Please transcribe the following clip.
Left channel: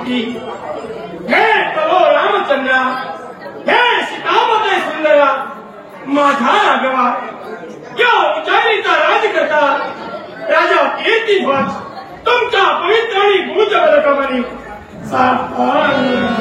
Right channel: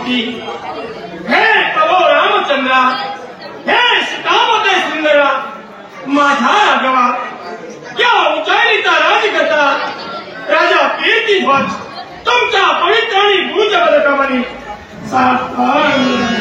होती। हे प्रभो रामचंद्रा, हे सीतापते सुंदरा, माझा राघवा, या उंचाईचा राजकर्ता राजा कीर्तिध्वज तुमच्या पवित्र आणि भूज बलकमणी सावधान